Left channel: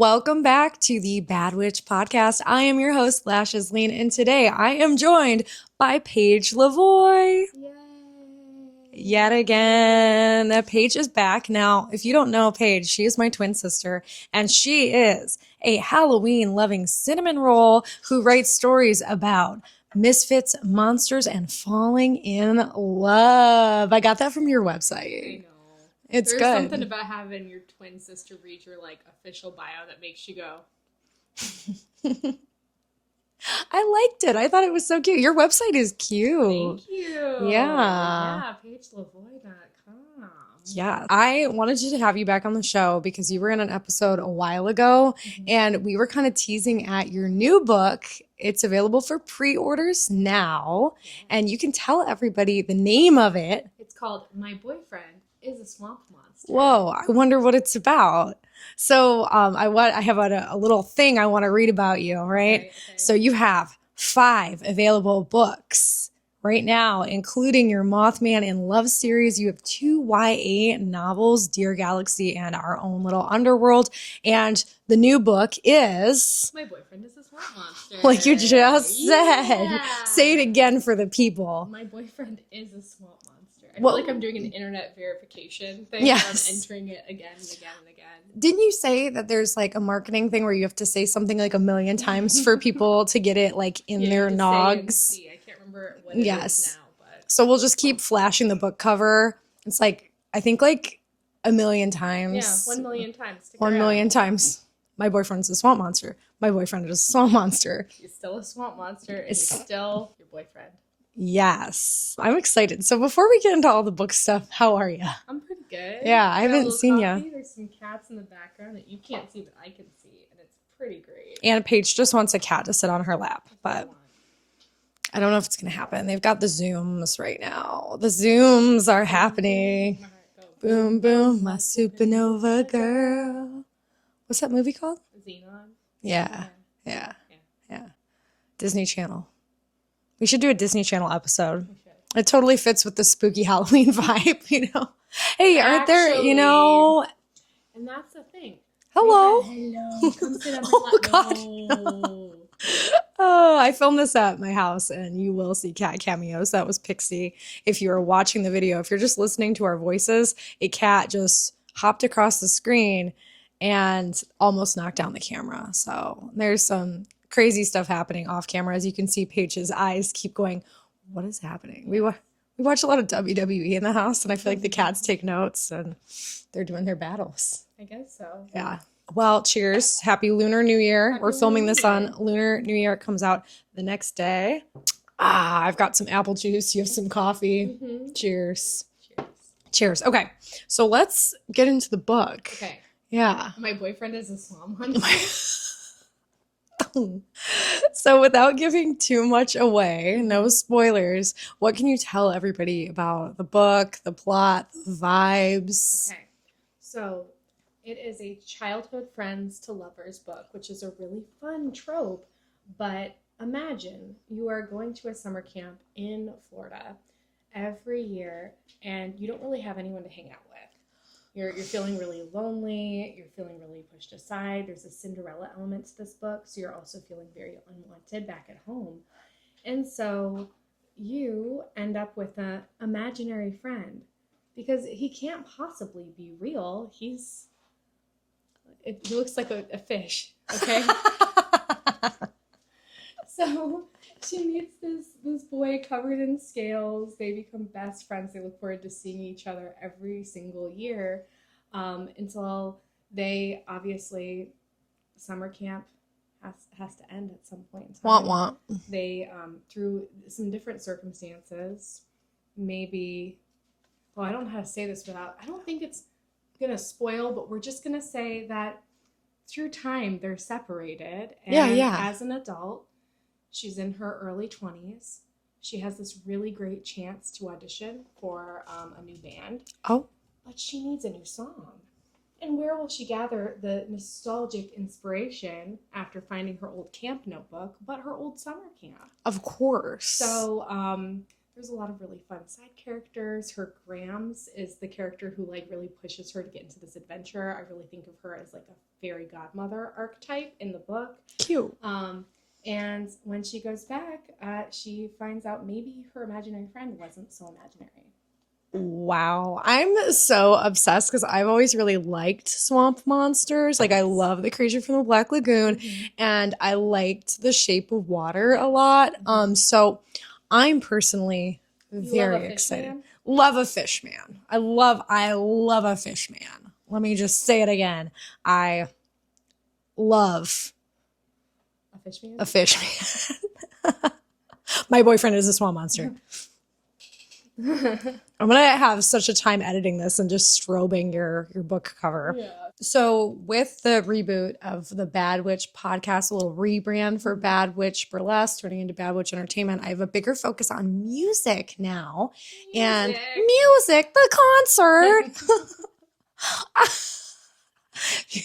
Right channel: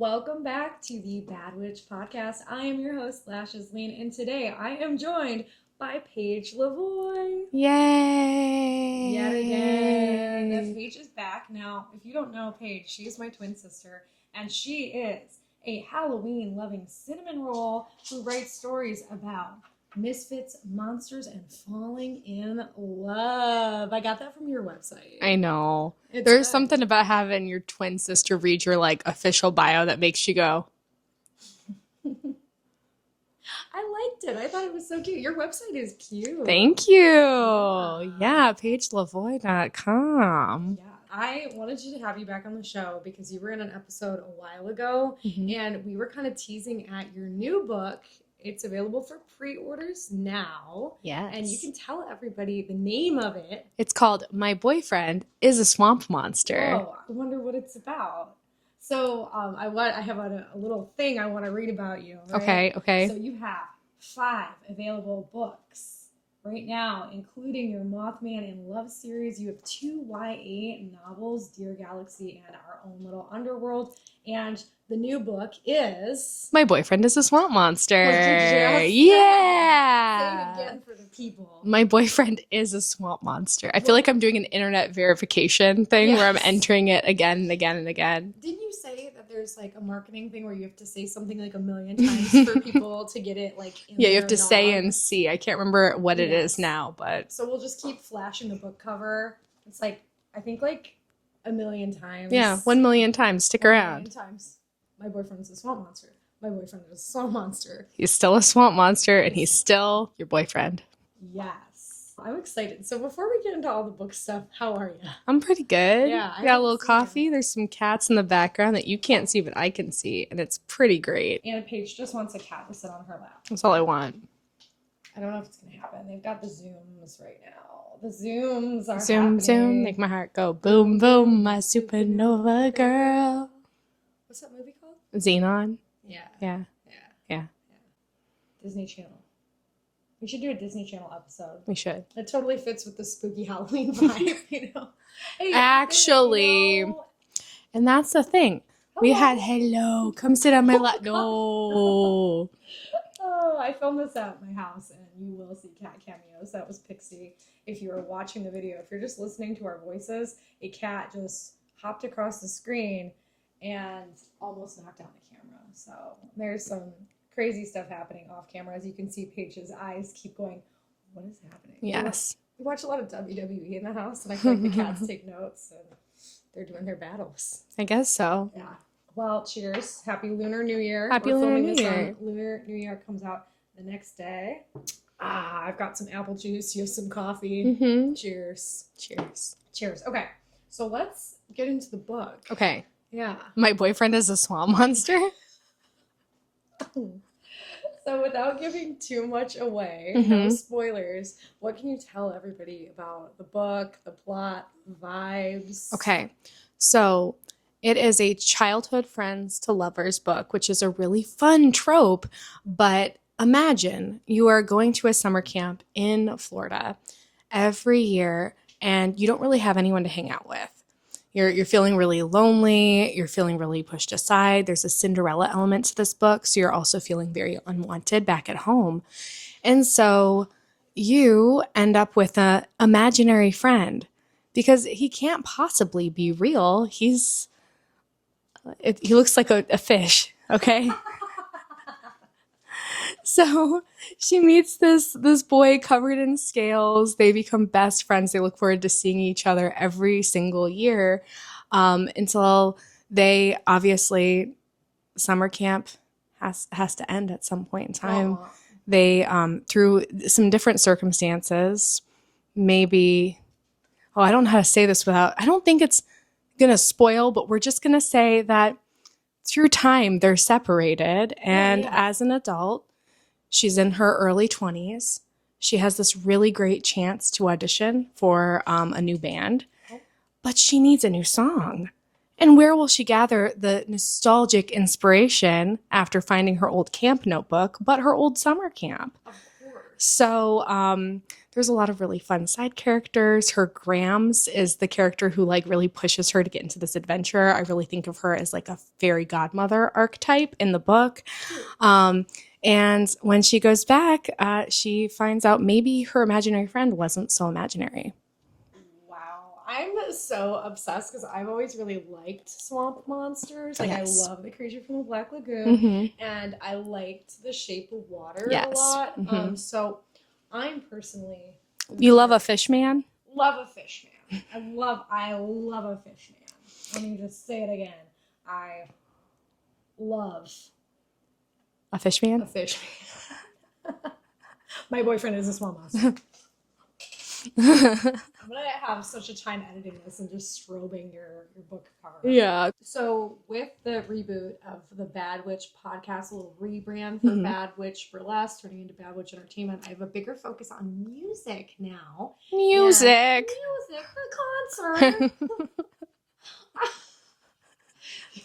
Welcome back to the Bad Witch podcast. I am your host, Lashes Lean, and today I am joined by Paige Lavoie. Yay! Yet again. Paige is back. Now, if you don't know Paige, she is my twin sister, and she is a Halloween-loving cinnamon roll who writes stories about misfits, monsters, and falling in love. I got that from your website. I know. It's There's good. something about having your twin sister read your official bio that makes you go. I liked it. I thought it was so cute. Your website is cute. Thank you. Yeah. Yeah, paigelavoie.com. Yeah. I wanted to have you back on the show because you were in an episode a while ago and we were kind of teasing at your new book. It's available for pre-orders now. Yes. And you can tell everybody the name of it. It's called My Boyfriend is a Swamp Monster. Whoa, I wonder what it's about. So I have a little thing I want to read about you, right? Okay. So you have 5 available books right now, including your Mothman in Love series. You have 2 YA novels, Dear Galaxy and Our Own Little Underworld. And the new book is... My Boyfriend is a Swamp Monster. Like you just said. Yeah. Say it again for the people. My boyfriend is a swamp monster. I feel like I'm doing an internet verification thing where I'm entering it again and again and again. Didn't you say that there's like a marketing thing where you have to say something like 1 million times for people to get it like in their you have to nogs? say and see. I can't remember what it is now, but so we'll just keep flashing the book cover. It's like I think like 1 million times. Yeah, 1 million times. Stick 1 around. million times. My boyfriend's a swamp monster. My boyfriend is a swamp monster. He's still a swamp monster, and he's still your boyfriend. Yes, I'm excited. So before we get into all the book stuff, how are you? I'm pretty good. Yeah, I got a haven't little seen coffee. ya. There's some cats in the background that you can't see, but I can see, and it's pretty great. And Paige just wants a cat to sit on her lap. That's all I want. I don't know if it's going to happen. They've got the Zooms right now. The Zooms are happening. Zoom, make my heart go Boom, boom, my supernova girl. What's that movie called? Xenon. Yeah. Yeah. Disney Channel. We should do a Disney Channel episode. We should. It totally fits with the spooky Halloween vibe, you know? Hey, aren't there, you know? And that's the thing. Hello. Hello. Come sit on my lap. God, No. Oh, I filmed this at my house and you will see cat cameos. That was Pixie. If you are watching the video, if you're just listening to our voices, a cat just hopped across the screen and almost knocked down the camera. So there's some crazy stuff happening off camera. As you can see, Paige's eyes keep going, what is happening? Yes. We watch a lot of WWE in the house, and I feel like the cats take notes and they're doing their battles. I guess so. Yeah. Well, cheers. Happy Lunar New Year. Happy We're filming Lunar this New on Year. Lunar New Year. It comes out the next day. I've got some apple juice. You have some coffee. Mm-hmm. Cheers. Cheers. Cheers. Okay. So let's get into the book. Okay. Yeah. My boyfriend is a swamp monster. So without giving too much away, no spoilers, what can you tell everybody about the book, the plot, the vibes? Okay. So it is a childhood friends to lovers book, which is a really fun trope. But imagine you are going to a summer camp in Florida every year and you don't really have anyone to hang out with. You're feeling really lonely. You're feeling really pushed aside. There's a Cinderella element to this book. So you're also feeling very unwanted back at home. And so you end up with an imaginary friend because he can't possibly be real. He looks like a fish. Okay. So she meets this boy covered in scales. They become best friends. They look forward to seeing each other every single year until they obviously summer camp has to end at some point in time. Wah, wah. They through some different circumstances, maybe. Oh, I don't know how to say this without. I don't think it's gonna spoil, but we're just gonna say that through time they're separated, and as an adult. She's in her early 20s. She has this really great chance to audition for a new band. Oh. But she needs a new song. And where will she gather the nostalgic inspiration after finding her old camp notebook, but her old summer camp? Of course. So there's a lot of really fun side characters. Her Grams is the character who like really pushes her to get into this adventure. I really think of her as like a fairy godmother archetype in the book. Cute. And when she goes back, she finds out maybe her imaginary friend wasn't so imaginary. Wow. I'm so obsessed because I've always really liked swamp monsters. Like, I Yes. love the creature from the Black Lagoon, Mhm. and I liked The Shape of Water a Yes. lot. Mhm. So I'm personally You love a very fish excited. man? Love a fish man. I love a fish man. Let me just say it again. I love A fish man? a fish man. My boyfriend is a swamp monster. I'm gonna have such a time editing this and just strobing your book cover. Yeah. So with the reboot of the Bad Witch podcast, a little rebrand for Mhm. Bad Witch Burlesque, turning into Bad Witch Entertainment, I have a bigger focus on music now. Music. And music, the concert.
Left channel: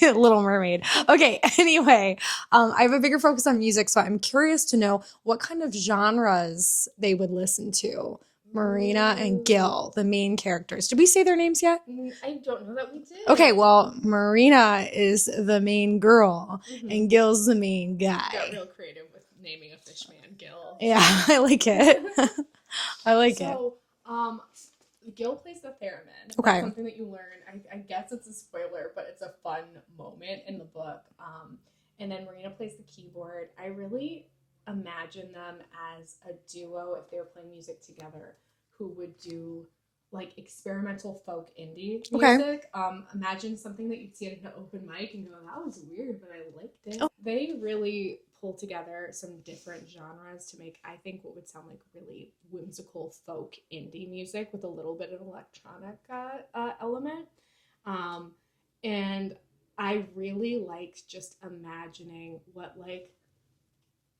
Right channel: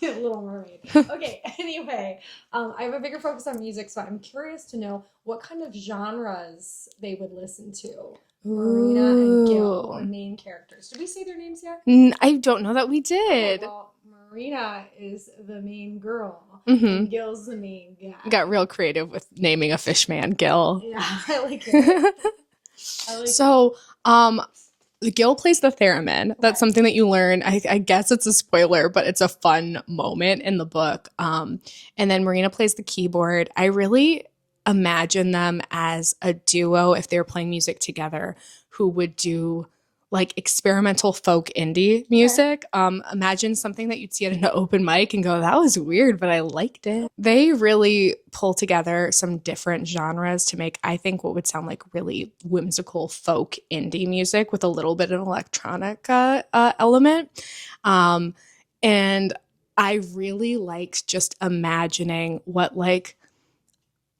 Little Mermaid. Okay, anyway, I have a bigger focus on music, so I'm curious to know what kind of genres they would listen to. Marina and Gil, Ooh. the main characters. Did we say their names yet? I don't know that we did. Okay, well, Marina is the main girl, Mhm. and Gil's the main guy. Got real creative with naming a fish man, Gil. Yeah, I like it. I like it. So, Gil plays the theremin. Okay. That's something that you learn. I guess it's a spoiler, but it's a fun moment in the book. And then Marina plays the keyboard. I really imagine them as a duo if they were playing music together who would do like experimental folk indie music. Imagine something that you'd see at an open mic and go, that was weird, but I liked it. They really pull together some different genres to make, I think, what would sound like really whimsical folk indie music with a little bit of an electronic element. And I really liked just imagining what like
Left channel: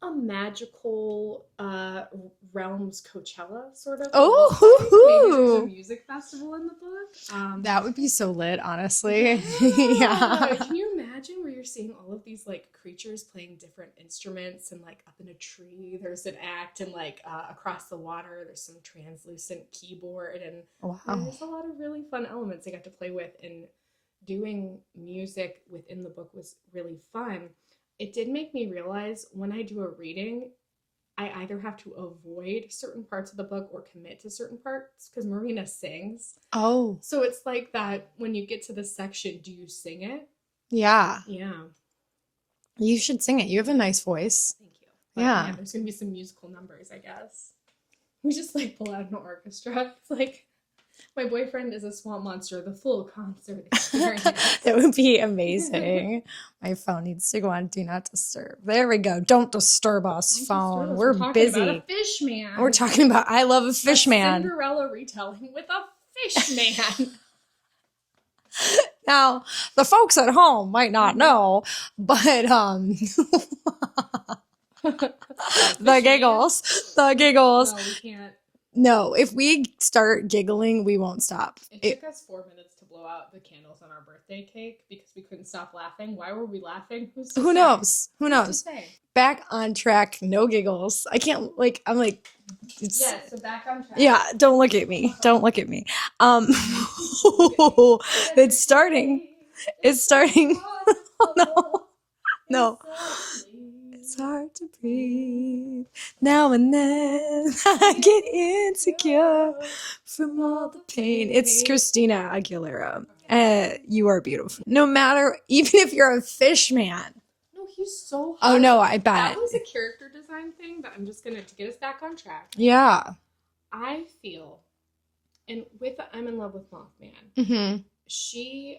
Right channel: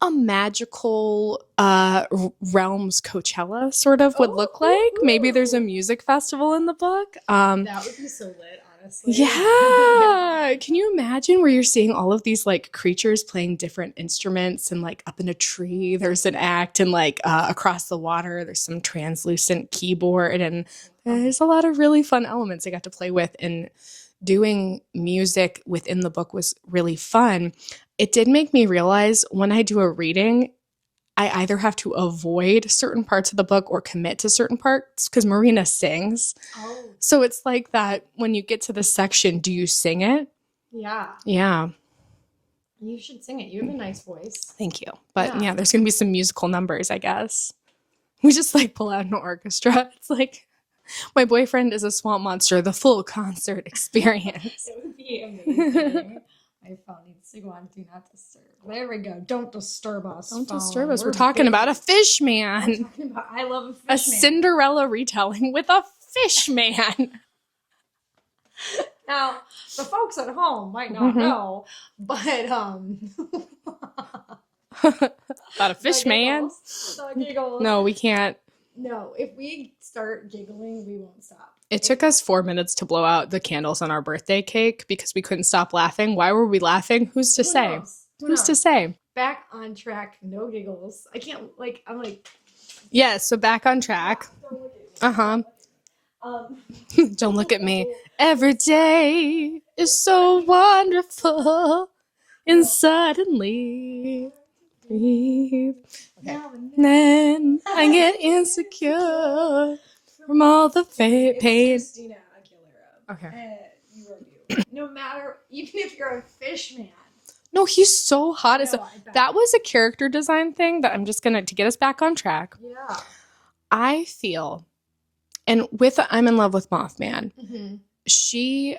a magical realms Coachella sort of would look like. Maybe there's a music festival in the book. That would be so lit, honestly. Yeah. Can you imagine where you're seeing all of these like creatures playing different instruments and like up in a tree there's an act and like across the water there's some translucent keyboard and Wow. there's a lot of really fun elements I got to play with, and doing music within the book was really fun. It did make me realize when I do a reading, I either have to avoid certain parts of the book or commit to certain parts because Marina sings. Oh, So it's like that when you get to this section, do you sing it? yeah. Yeah. You should sing it. You have a nice voice. Thank you. But Yeah. yeah, there's going to be some musical numbers, I guess. We just like pull out an orchestra. It's like my boyfriend is a swamp monster, the full concert experience. That would be amazing. My phone needs to go on Do Not Disturb. There we go. Don't disturb us, Don't phone. disturb us. We're talking about a busy. fish man. We're talking about I love a fish a man. Cinderella retelling with a fish man. Now, the folks at home might not Mhm. know, but Not a the fish man. giggles. No, we can't. No, if we start giggling, we won't stop. It took us 4 minutes to blow out the candles on our birthday cake because we couldn't stop laughing. Why were we laughing? Who's to Who say? knows? Who Who's knows? to say? Back on track. No giggles. I can't like. I'm like. Yes, so back on track. Yeah. Don't look at me. Uh-huh. Don't look at me. Don't look at me. Every It's starting. day is It's so starting. wonderful. And No. suddenly It's hard to breathe. Now and then I get insecure from all the pain. It's Christina Aguilera. Okay. You are beautiful. No matter, even if you're a fish man. No, he's so hot. Oh no, I bet That was a character design thing that I'm just gonna to get us back on track. yeah. I feel, and with I'm in love with Mothman, Mm-hmm. she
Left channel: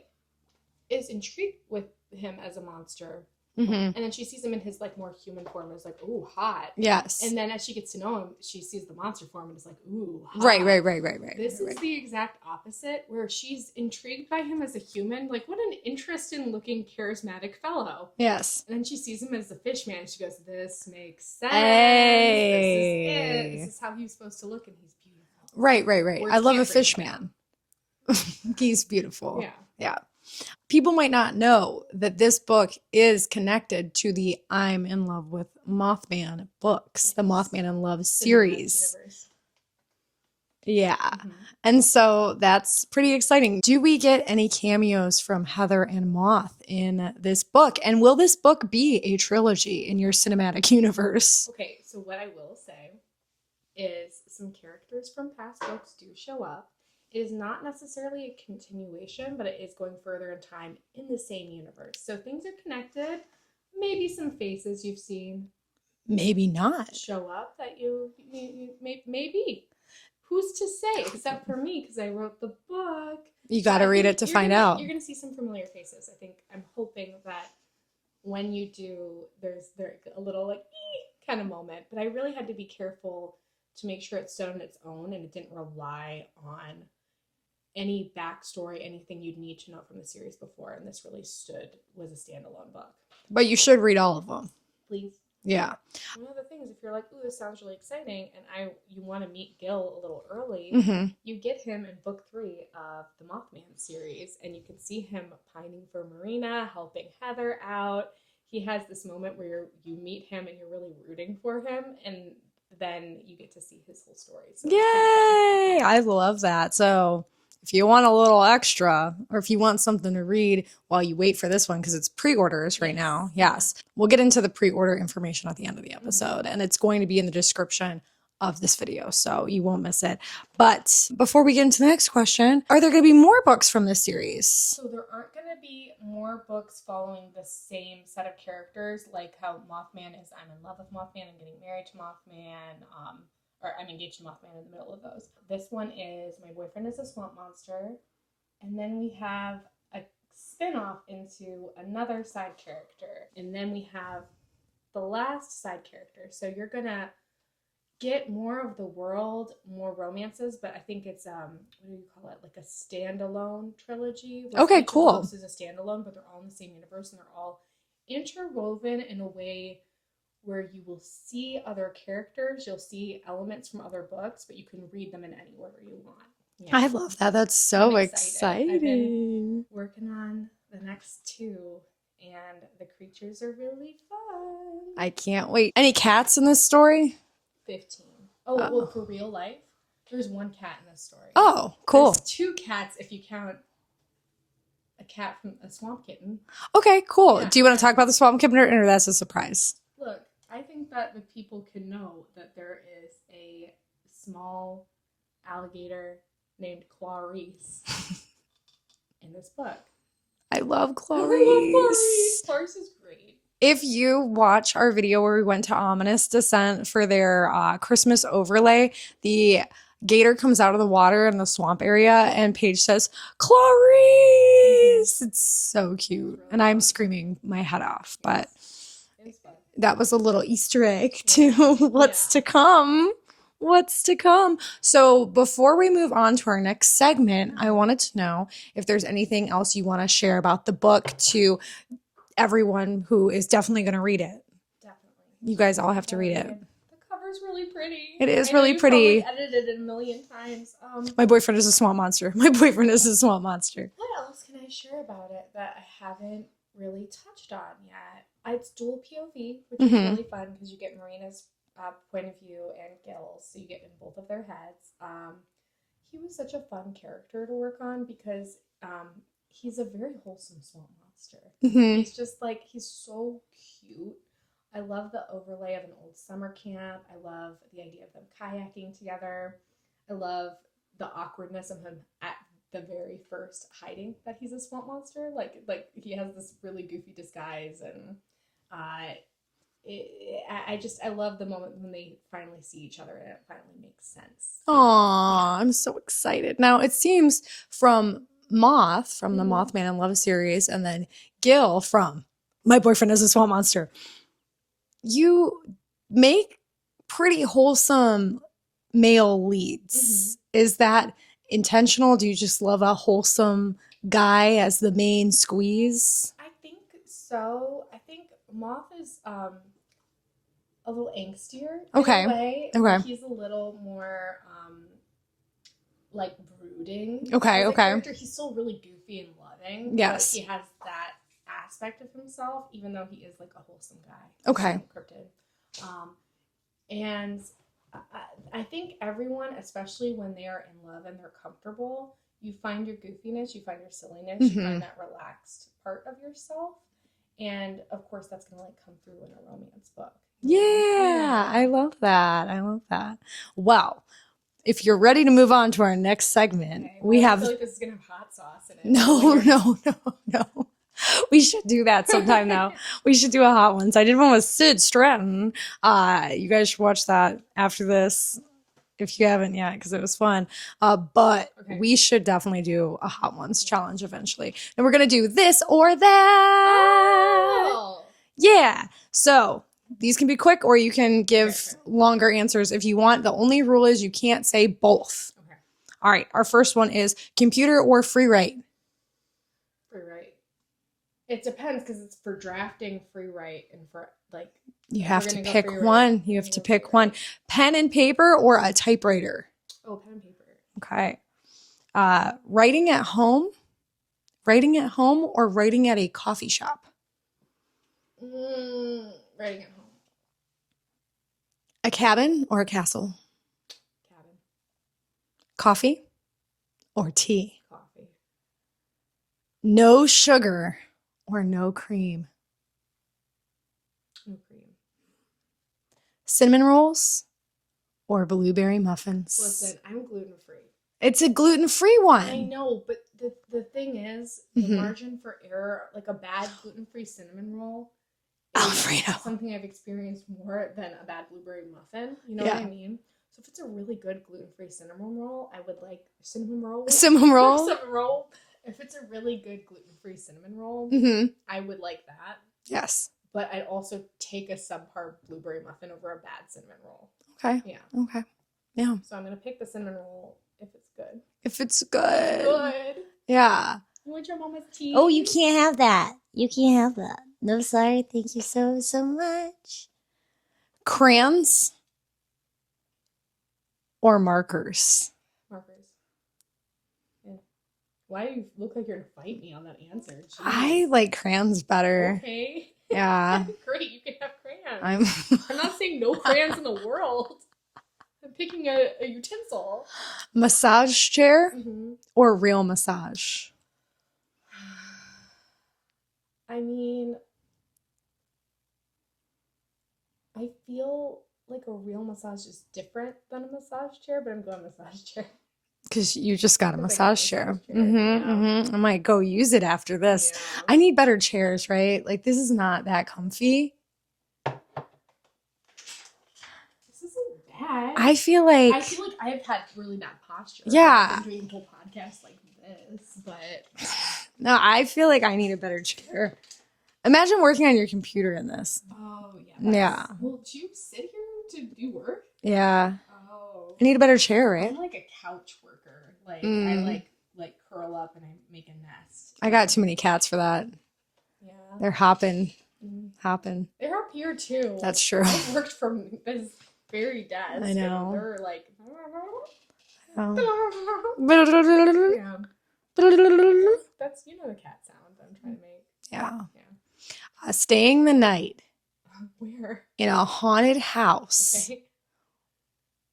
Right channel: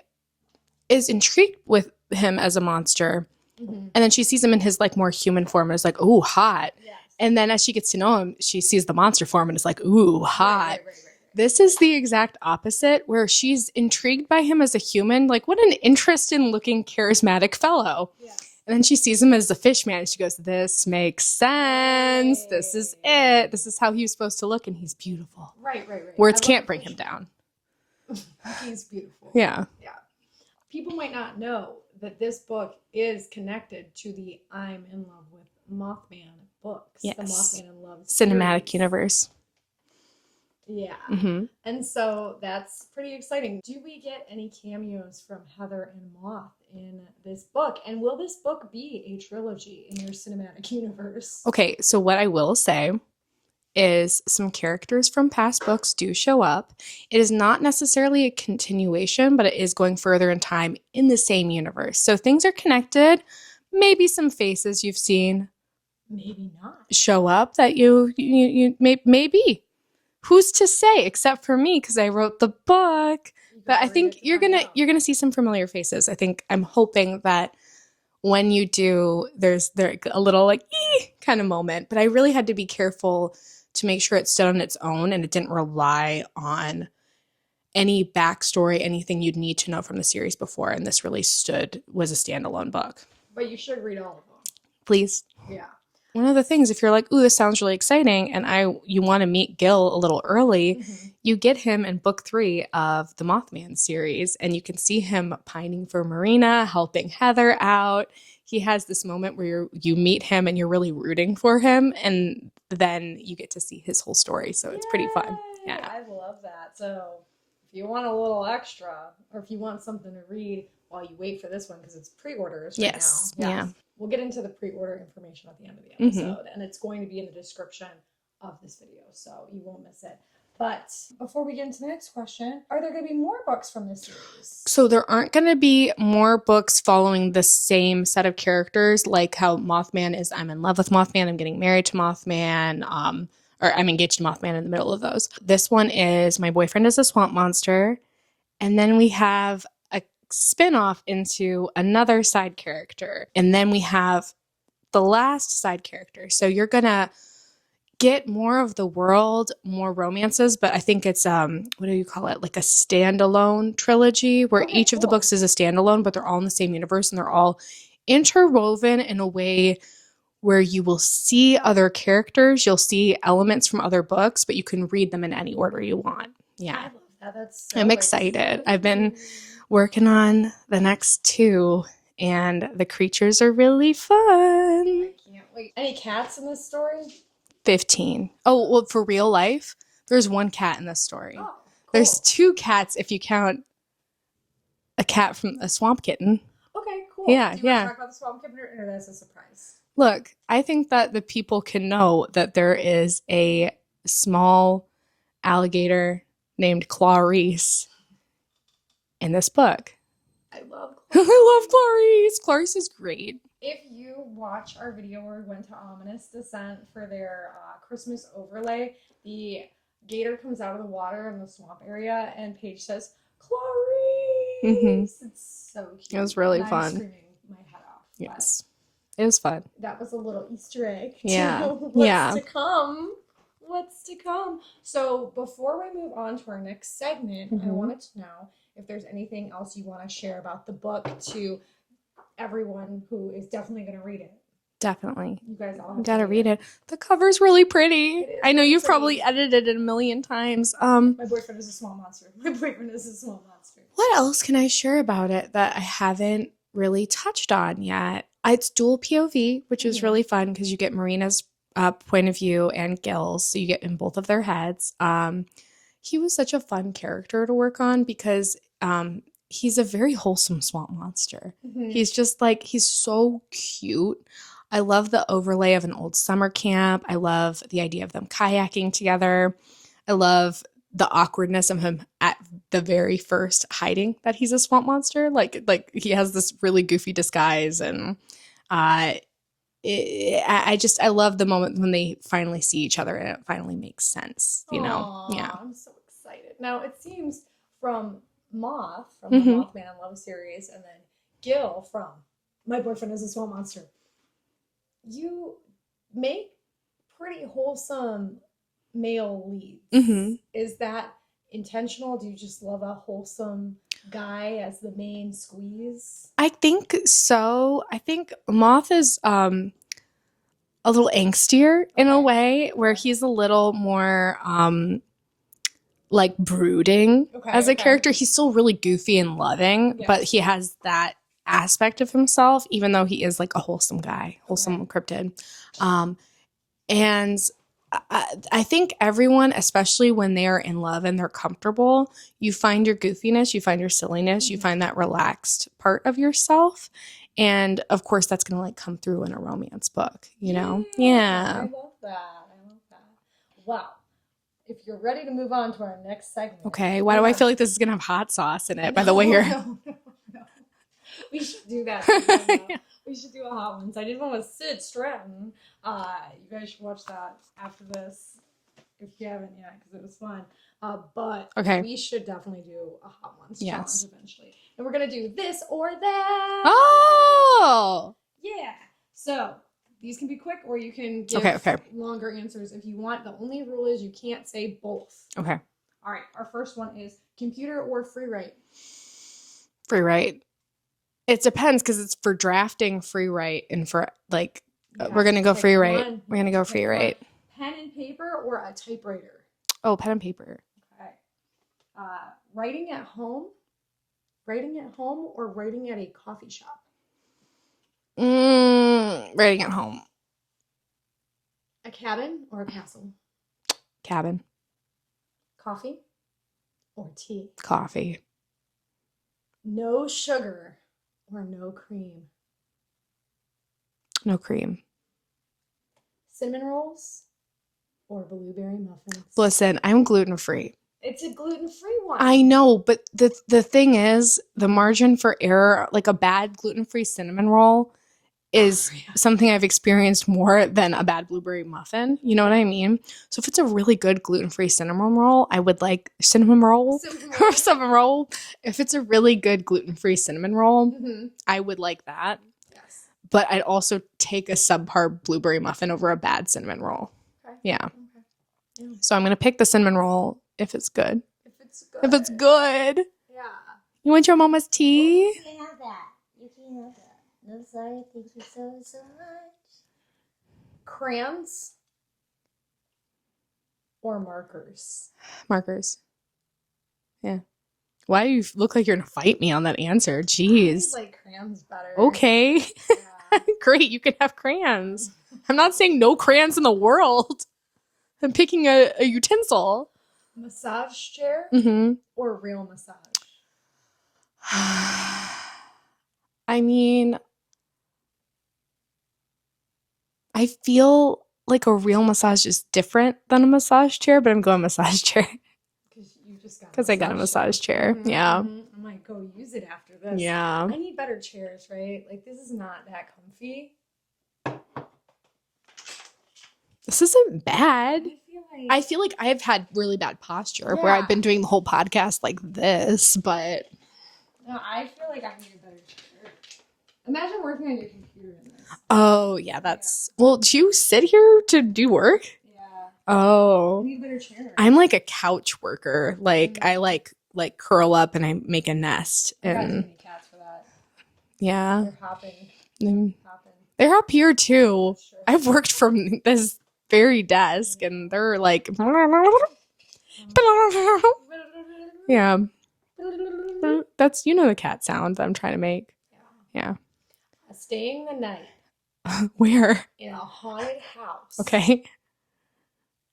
is intrigued with him as a monster, Mm-hmm. and then she sees him in his like more human form and is like, ooh, hot. Yes. And then as she gets to know him, she sees the monster form and is like, ooh, hot. right. This is the exact opposite, where she's intrigued by him as a human. Like, what an interesting looking, charismatic fellow. yes. And then she sees him as the fish man and she goes, this makes sense. This is it. This is how he was supposed to look, and he's beautiful. Right. Words I love can't a bring fish him man. down. He's beautiful. Yeah. Yeah. People might not know that this book is connected to the I'm in Love with Mothman books, the Yes. Mothman in Love Cinematic series. universe. Yeah. Mm-hmm. And so that's pretty exciting. Do we get any cameos from Heather and Moth in this book? And will this book be a trilogy in your cinematic universe? Okay, so what I will say is some characters from past books do show up. It is not necessarily a continuation, but it is going further in time in the same universe. So things are connected. Maybe some faces you've seen Maybe not. show up that you maybe. Who's to say except for me because I wrote the book. You got to read it to find out. You're going to see some familiar faces. I'm hoping that when you do, there's a little like kind of moment, but I really had to be careful to make sure it stood on its own and it didn't rely on any backstory, anything you'd need to know from the series before. And this really was a standalone book. But you should read all of them. Please. Yeah. One of the things, if you're like, ooh, this sounds really exciting, and you want to meet Gil a little early, you get him in book 3 of the Mothman series, and you can see him pining for Marina, helping Heather out. He has this moment where you meet him and you're really rooting for him, and then you get to see his whole story. So it's pretty fun. Yeah. I love that. So if you want a little extra, or if you want something to read while you wait for this one, because it's pre-orders right now. Yes. Yeah. We'll get into the pre-order information at the end of the episode, and it's going to be in the description of this video, so you won't miss it. But before we get into the next question, are there going to be more books from this series? So there aren't going to be more books following the same set of characters, like how Mothman is I'm in love with Mothman, I'm getting married to Mothman, or I'm engaged to Mothman in the middle of those. This one is my boyfriend is a swamp monster, and then we have a spin-off into another side character, and then we have the last side character. So you're going to get more of the world, more romances, but I think it's what do you call it? Like a standalone trilogy where each of the books is a standalone, but they're all in the same universe and they're all interwoven in a way where you will see other characters, you'll see elements from other books, but you can read them in any order you want. Yeah. I love that. That's so I'm excited. I've been working on the next 2 and the creatures are really fun. I can't wait. Any cats in this story? 15. Oh, well, for real life, there's 1 cat in this story. Oh, cool. There's 2 cats if you count a cat from a swamp kitten. Okay, cool. Yeah, do you want to talk about the swamp kitten, or that's a surprise? Look, I think that the people can know that there is a small alligator named Clarice in this book. I love Clarice. I love Clarice. Clarice is great. If you watch our video where we went to Ominous Descent for their Christmas overlay, the gator comes out of the water in the swamp area and Paige says, Clarice! It's so cute. It was really fun. fun. I'm screaming my head off. Yes. But it was fun. That was a little Easter egg to Yeah. what's to come. What's to come. So before we move on to our next segment, I wanted to know if there's anything else you want to share about the book to everyone who is definitely going to read it. Definitely. You guys all have to read it. The cover's really pretty. It is I know really you've pretty. probably edited it a million times. My boyfriend is a swamp monster. My boyfriend is a swamp monster. What else can I share about it that I haven't really touched on yet? It's dual POV, which is really fun because you get Marina's point of view and Gil's, so you get in both of their heads. He was such a fun character to work on because he's a very wholesome swamp monster. He's just like, he's so cute. I love the overlay of an old summer camp. I love the idea of them kayaking together. I love the awkwardness of him at the very first hiding that he's a swamp monster. Like he has this really goofy disguise, and I love the moment when they finally see each other and it finally makes sense. You know? Yeah. I'm so excited. Now it seems from the Mothman in Love series, and then Gil from My Boyfriend is a Swamp Monster, you make pretty wholesome male leads. Is that intentional? Do you just love a wholesome guy as the main squeeze? I think so. I think Moth is a little angstier in a way, where he's a little more like brooding as a Okay. character. He's still really goofy and loving, but Yes. he has that aspect of himself, even though he is like a wholesome guy, wholesome cryptid. And I think everyone, especially when they are in love and they're comfortable, you find your goofiness, you find your silliness, you find that relaxed part of yourself. And of course, that's going to like come through in a romance book, you know? Yeah. I love that. I love that. Well, if you're ready to move on to our next segment. Okay. Why do I feel like this is going to have hot sauce in it? By the way, No. We should do that sometime now. We should do a hot one. So I did one with Sid Stratton. You guys should watch that after this if you haven't yet, because it was fun. But we should definitely do a hot ones challenge eventually. And we're going to do this or that. Oh! Yeah. So these can be quick or you can give longer answers if you want. The only rule is you can't say both. Okay. All right. Our first one is computer or free write? Free write. It depends because it's for drafting free write and for like we're gonna go free write. We're gonna go free write. Pen and paper or a typewriter? Oh, pen and paper. Okay. Writing at home or writing at a coffee shop? Writing at home. A cabin or a castle? Cabin. Coffee or tea? Coffee. No sugar or no cream? No cream. Cinnamon rolls or blueberry muffins? Listen, I'm gluten-free. It's a gluten-free one. I know, but the thing is, the margin for error, like a bad gluten-free cinnamon roll is something I've experienced more than a bad blueberry muffin. You know what I mean? So if it's a really good gluten-free cinnamon roll, I would like cinnamon roll. If it's a really good gluten-free cinnamon roll, I would like that. Yes. But I'd also take a subpar blueberry muffin over a bad cinnamon roll. Okay. Yeah. Okay. Yeah. So I'm going to pick the cinnamon roll if it's good. If it's good. If it's good. Yeah. You want your mama's tea? Oh, you can't have that. You can't have that. No, sorry. Thank you so much. Crayons or markers? Markers. Yeah. Why do you look like you're going to fight me on that answer? Jeez. I like crayons better. Okay. Yeah. Great. You can have crayons. I'm not saying no crayons in the world. I'm picking a utensil. Massage chair or real massage? I mean, I feel like a real massage is different than a massage chair, but I'm going massage chair. Because you just got a Because I got a massage chair. Yeah. I might go use it after this. Yeah. I need better chairs, right? Like, this is not that comfy. This isn't bad. I feel like I've had really bad posture Yeah. where I've been doing the whole podcast like this, but no, I feel like I need a better chair. Imagine working on your computer in this. oh yeah, well, do you sit here to do work? Yeah. Oh. I need a better chair, right? I'm like a couch worker. Like I like curl up and I make a nest. I got too many cats for that. Yeah. They're hopping. Hopping. They're up here too. That's true. I've worked from this very desk and they're like yeah. That's the cat sound that I'm trying to make. Yeah. Yeah. Staying the night Where? in a haunted house. Okay.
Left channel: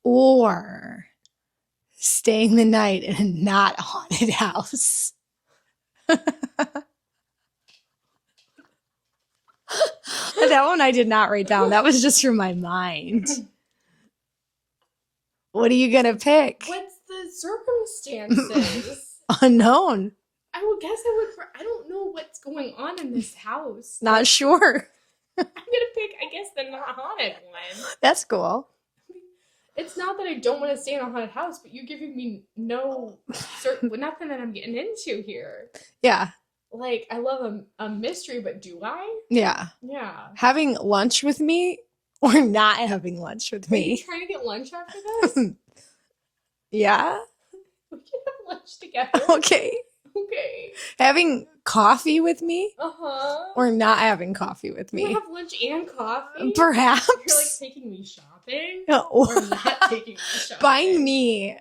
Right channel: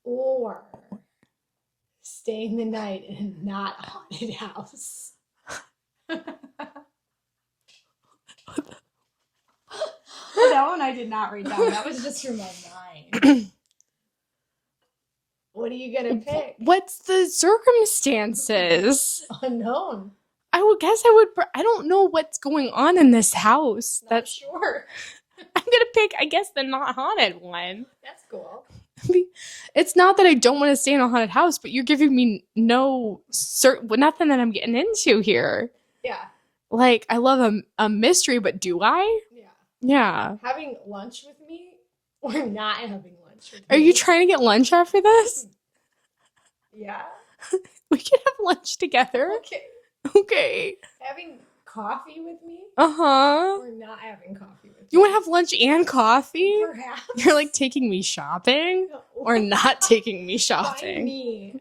Or staying the night in a not haunted house. That one I did not write down. That was just from my mind. What are you going to pick? What's the circumstances? Unknown. I would guess I don't know what's going on in this house. Not sure. I'm going to pick, I guess, the not haunted one. That's cool. It's not that I don't want to stay in a haunted house, but you're giving me nothing that I'm getting into here. Yeah. Like, I love a mystery, but do I? Yeah. Yeah. Having lunch with me or not having lunch with me? Are you trying to get lunch after this? Yeah. We can have lunch together. Okay. Okay. Having coffee with me Uh-huh. or not having coffee with me? You want to have lunch and coffee? Perhaps. You're like taking me shopping or or not taking me shopping. buying me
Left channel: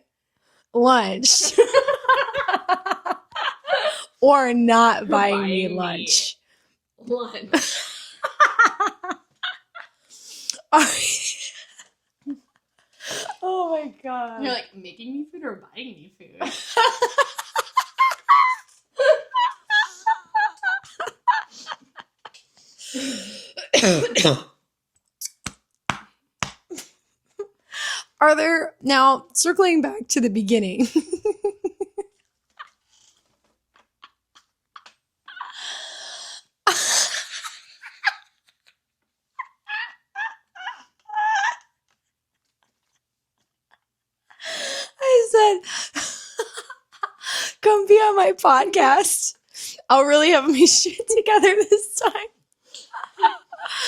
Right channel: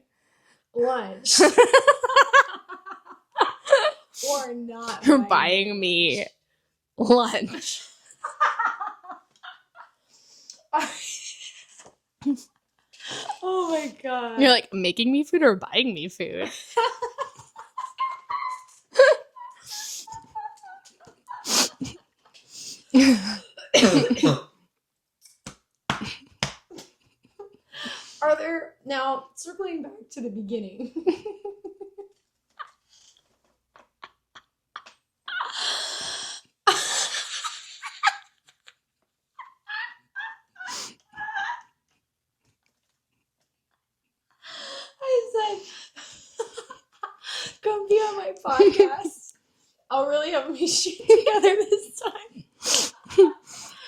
lunch. Or not You're buying me lunch. lunch. Oh my God. You're like, making me food or buying me food? Are there, now circling back to the beginning. I said, come be on my podcast. I'll really have my shit together this time.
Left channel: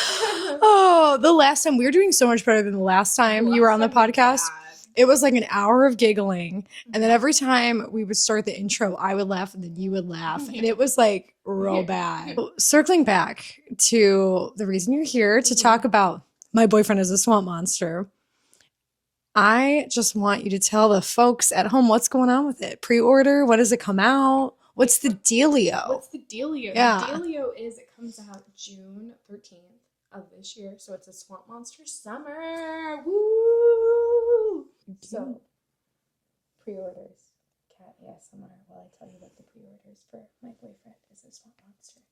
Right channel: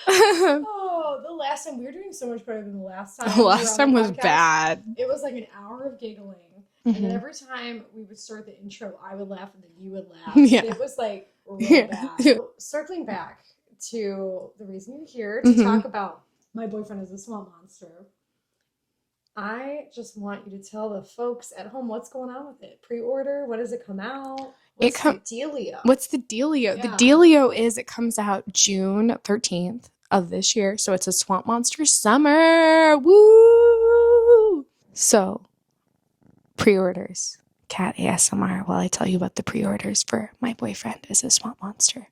Oh, the last time we were doing so much better than the last time you were on the podcast. Bad. It was like an hour of giggling, and then Mhm. every time we would start the intro, I would laugh and then you would laugh, Yeah. and it was like real bad. Circling back to the reason you're here to Mhm. talk about my boyfriend is a swamp monster. I just want you to tell the folks at home what's going on with it. Pre-order, when does it come out? What's the dealio? What's the dealio? Yeah. The dealio is it comes out June 13th of this year. So it's a Swamp Monster summer. Woo! So pre-orders. Cat ASMR while I tell you about the pre-orders for My Boyfriend is a Swamp Monster.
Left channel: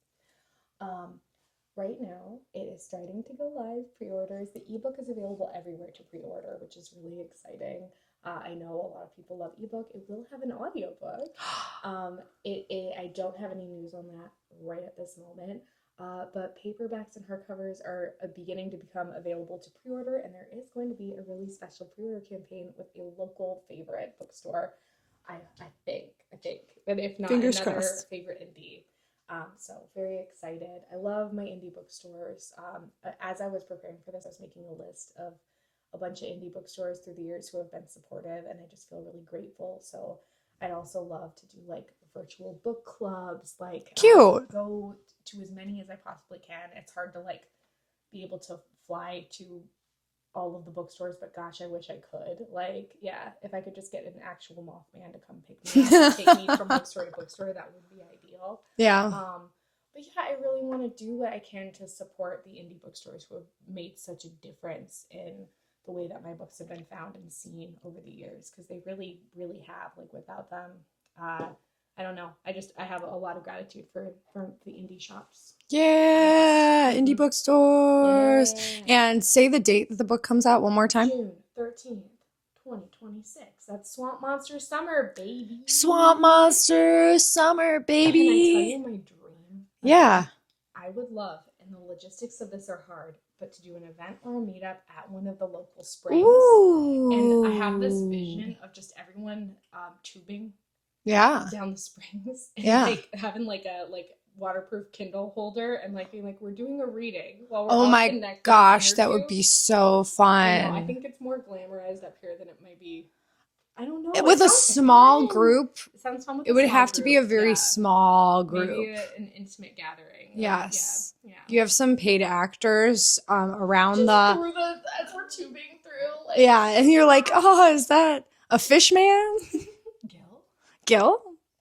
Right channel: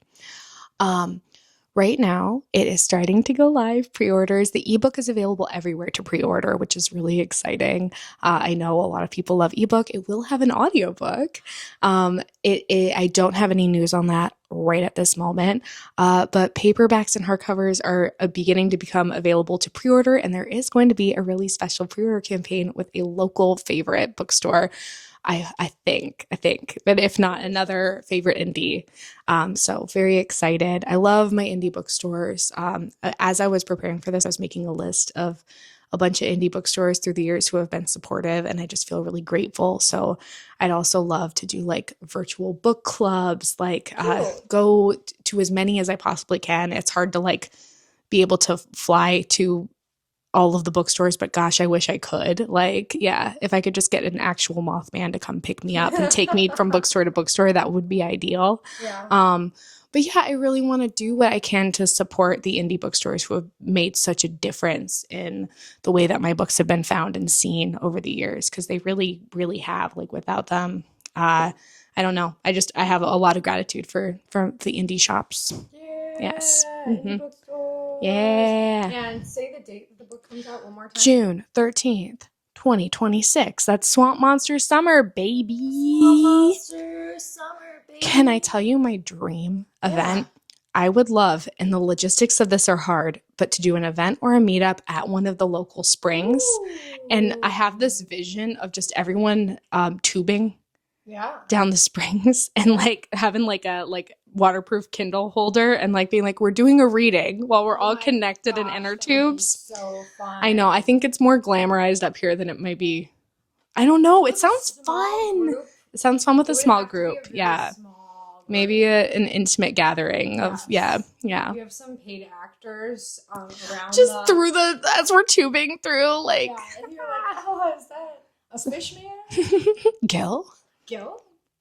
Right now, it is starting to go live, pre-orders. The ebook is available everywhere to pre-order, which is really exciting. I know a lot of people love ebook. It will have an audiobook. I don't have any news on that right at this moment, but paperbacks and hardcovers are beginning to become available to pre-order, and there is going to be a really special pre-order campaign with a local favorite bookstore. I think, but if not, Fingers another crossed. favorite indie. So very excited. I love my indie bookstores. As I was preparing for this, I was making a list of a bunch of indie bookstores through the years who have been supportive, and I just feel really grateful. So I'd also love to do like virtual book clubs, like Cute. go to as many as I possibly can. It's hard to like be able to fly to all of the bookstores, but gosh, I wish I could. Like, yeah, if I could just get an actual Mothman to come pick me up and take me from bookstore to bookstore, that would be ideal. Yeah. But yeah, I really want to do what I can to support the indie bookstores who have made such a difference in the way that my books have been found and seen over the years, because they really, really have. Like, without them, I don't know. I have a lot of gratitude for the indie shops. Yeah. Indie Mhm. bookstores. Yeah. And say the date that the book comes out one more time. June 13th, 2026. That's Swamp Monster Summer, baby. Swamp Monster Summer, baby. Can I tell you my dream Yeah. event? I would love, and the logistics of this are hard, but to do an event or a meetup at one of the local springs. And I have this vision of just everyone tubing Yeah. down the springs and Yeah. like having like a waterproof Kindle holder and like being like, we're doing a reading while we're Oh all my connected Gosh, in that inner would be tubes. so fun. I know. I think it's more glamorized up here than it might be. I don't know. with it a sounds small fun. group, It sounds fun with it a would small have group. to be a very Yeah. small group. Maybe an intimate gathering of Yes. yeah. You have some paid actors around Just through as we're tubing through, like yeah, and you're like, oh, is that a fish man? Gil. Gil?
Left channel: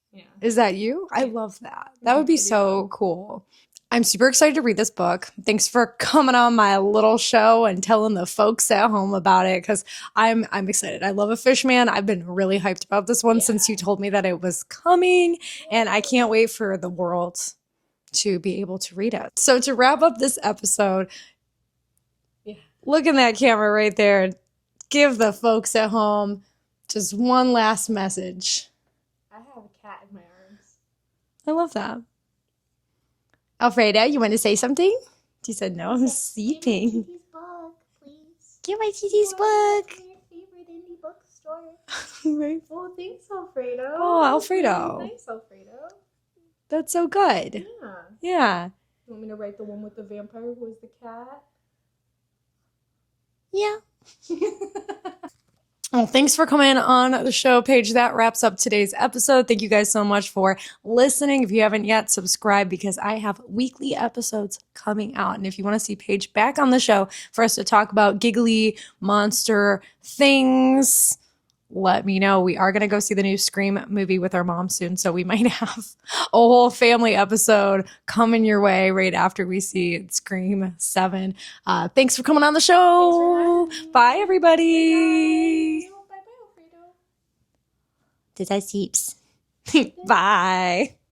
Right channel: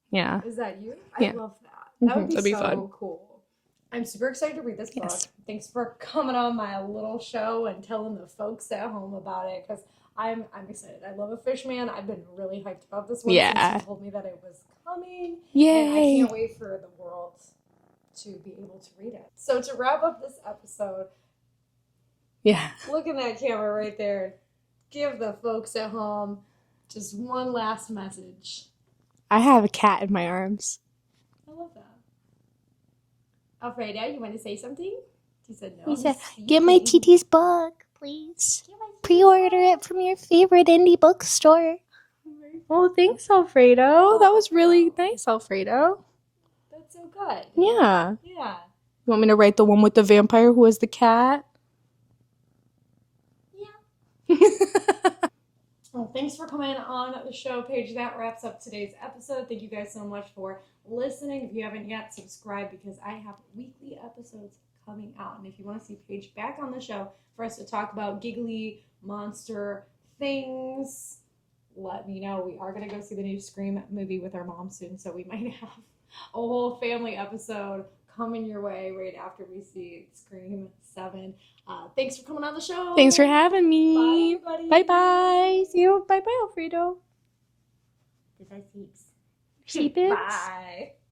Yeah. Is that you? I Yeah. love that. That would be That'd be so fun. cool. I'm super excited to read this book. Yes. Thanks for coming on my little show and telling the folks at home about it, because I'm excited. I love a fish man. I've been really hyped about this one since you Yeah. told me that it was coming. And I can't wait for the world to be able to read it. So to wrap up this episode, Yeah. look in that camera right there and give the folks at home just one last message. I have a cat in my arms. I love that. Alfredo, you want to say something? She said no. Get my TT's book, please. Get my TT's Pre-order it book. from your favorite indie bookstore. Oh, thanks, Alfredo. Oh, that was really Alfredo. nice, Alfredo. That's so good. Yeah. Yeah. You want me to write the one with the vampire who was the cat? Yeah. Well, thanks for coming on the show, Paige. That wraps up today's episode. Thank you guys so much for listening. If you haven't yet, subscribe, because I have weekly episodes coming out. And if you want to see Paige back on the show for us to talk about giggly monster things, let me know. We are going to go see the new Scream movie with our mom soon, so we might have a whole family episode coming your way right after we see Scream 7. Thanks for coming on the show. Thanks for having me. Bye, everybody. Bye-bye. See you. Bye-bye, Alfredo. Did I seeps? Bye.